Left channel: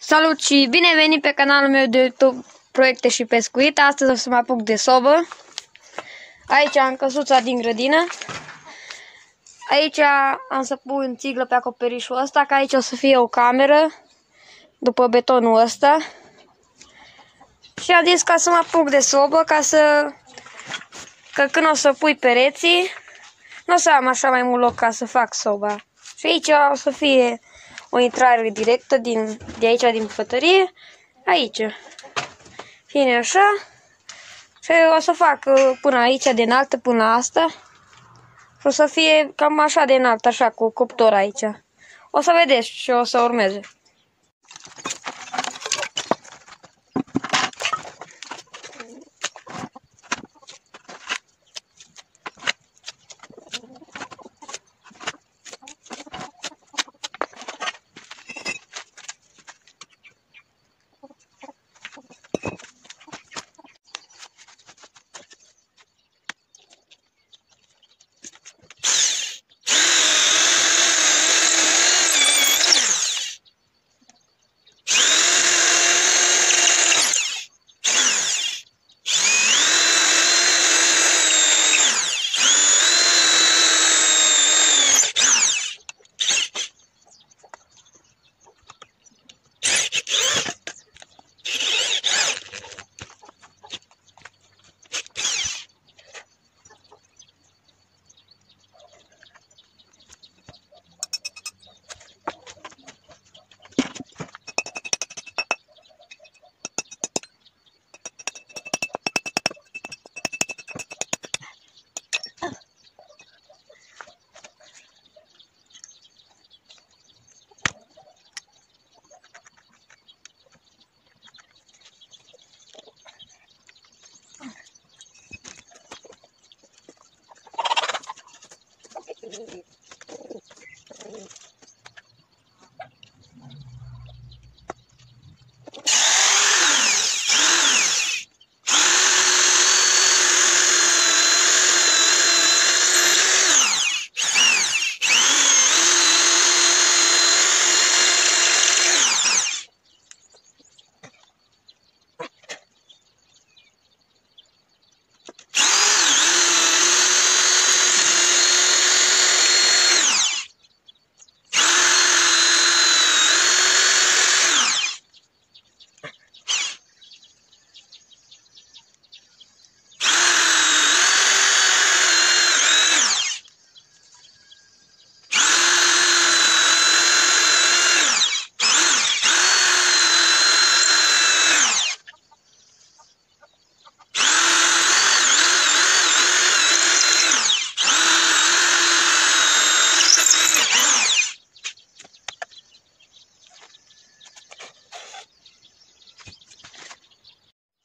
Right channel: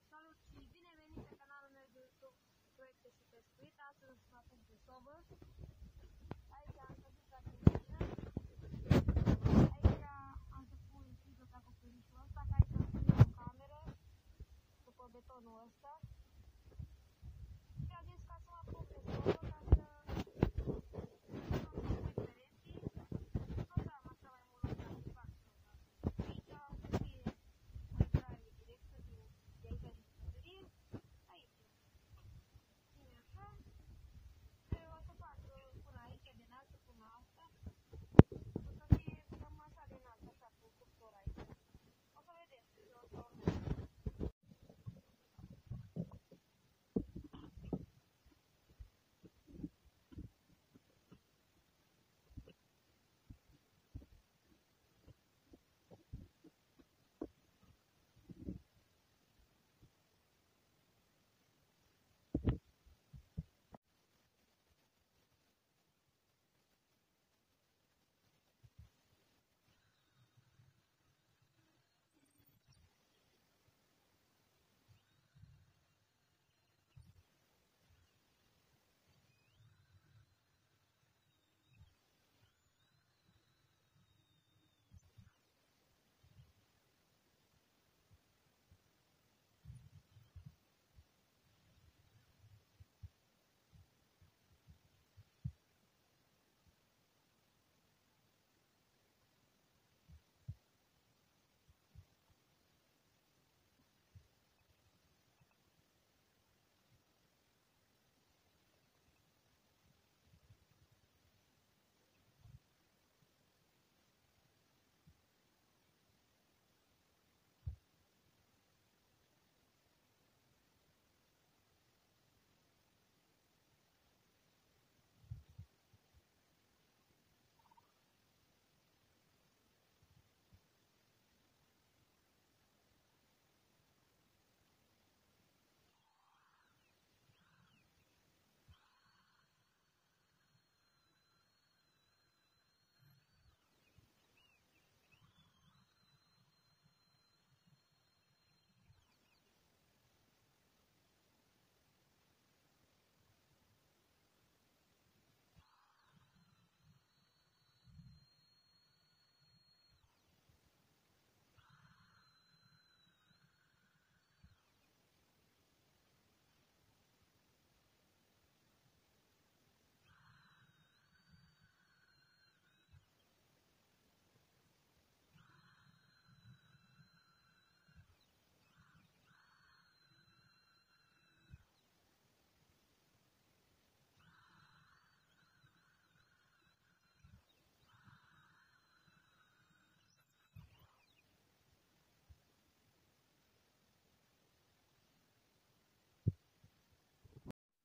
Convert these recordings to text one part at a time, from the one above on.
Salut și bine venit pe canalul meu de YouTube Proiecte și Pescuit. Astăzi o să mă apuc de sobă. Aici am căsuța din grădină. Aici am să pun țiglă pe acoperișul ăsta, că aici o să fie o cameră după betonul ăsta. Și am zis ca să mă apuc de sobă, că când o să pui pereții, nu o să am așa mai mult loc ca să fac soba. Și aici o să fie o intrare directă de aici, din bucătărie, aici. Fine așa. Și o să fac până aici, de înaltă până la asta. Și o să fie cam așa de înalt, așa, cu cuptor aici. O să vedeți și o să urmeze.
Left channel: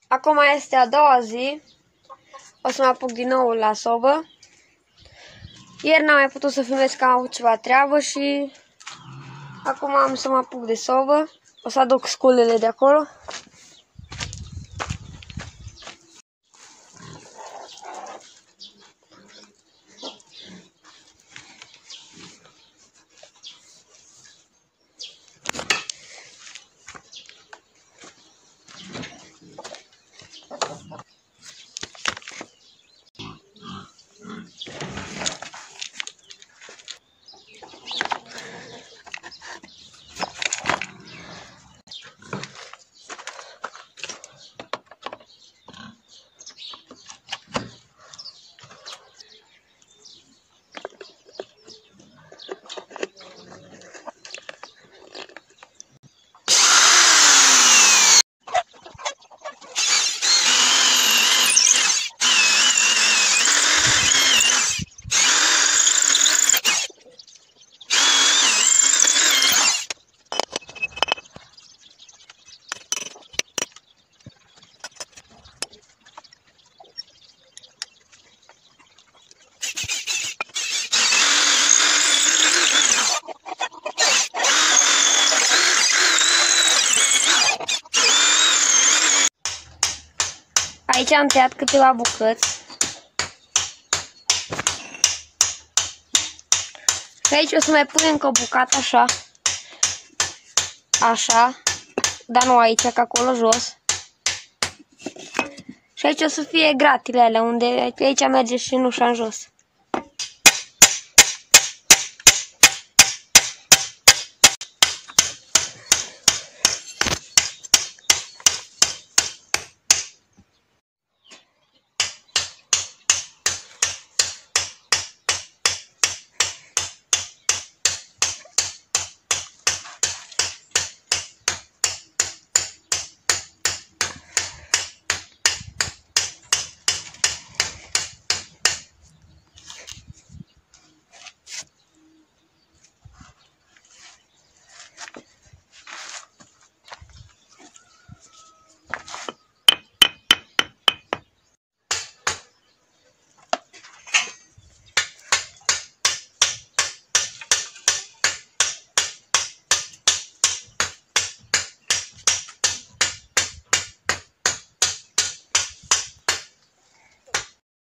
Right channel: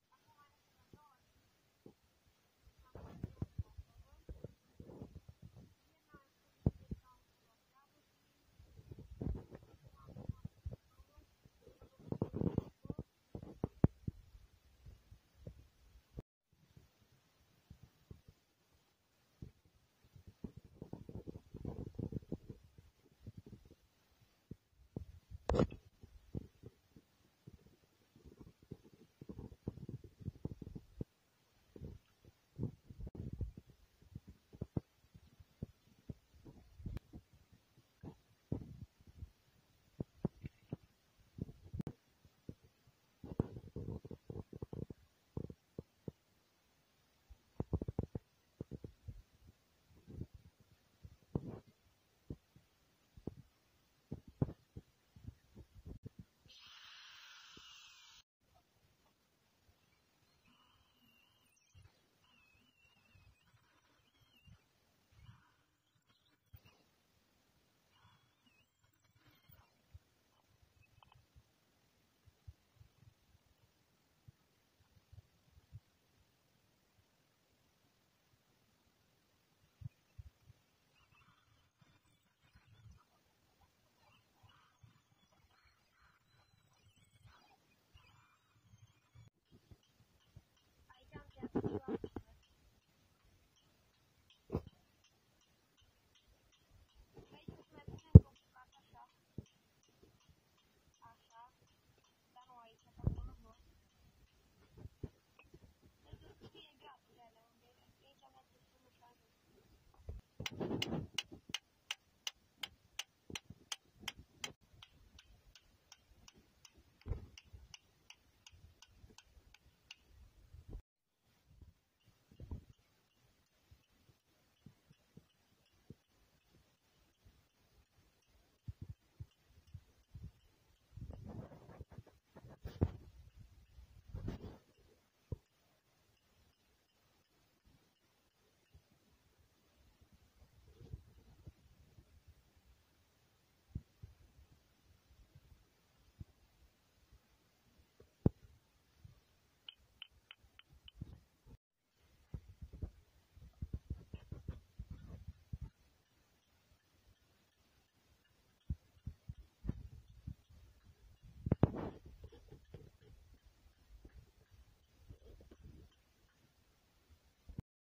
Acum este a doua zi. O să mă apuc din nou la sobă. Ieri n-am mai putut să filmez, că am avut ceva treabă și acum am să mă apuc de sobă. O să aduc sculele de acolo. Aici am tăiat câteva bucăți. Și aici o să mai pun încă o bucată așa. Așa. dar nu aici, ca acolo jos. Și aici o să fie gratile alea, unde aici merge și nușa în jos.